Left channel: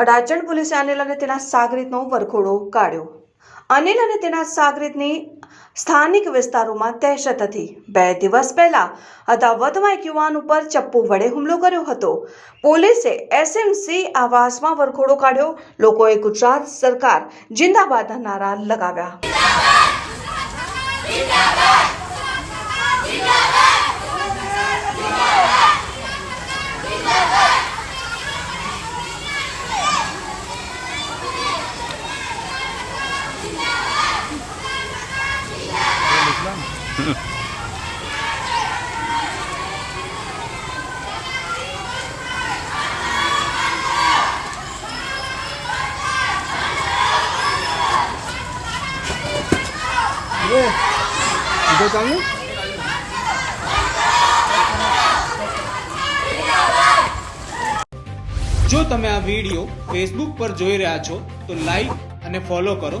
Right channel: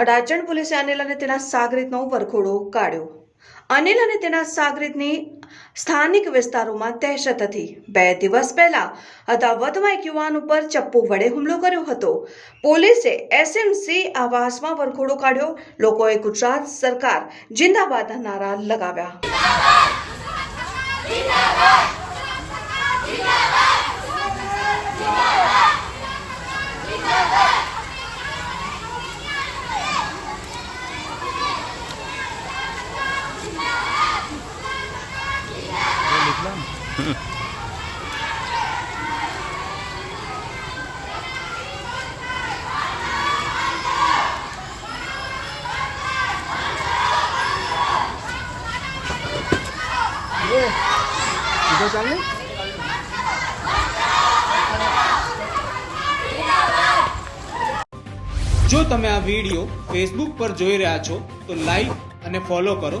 અડાજણ પોલીસે અનિલ અને તેના સાગરીતનો વરઘોડો કાઢ્યો. અનિલ અને તેના સાગરીતની સ્થાનિક વિસ્તારોમાં દહેશત હતી. બે દિવસ પહેલા અદાવતમાં એક યુવાન ઉપર ચપ્પુ વડે હુમલો કર્યો હતો. પોલીસે એસએમસી આવાસમાં વરઘોડો કાઢ્યો. લોકોએ ગુજરાત સરકાર જિંદાબાદના નારા લગાવ્યા. જો તમે આ વીડિયો ફેસબુક પર જોઈ રહ્યા છો તો લાઈક અને ફોલો કરો.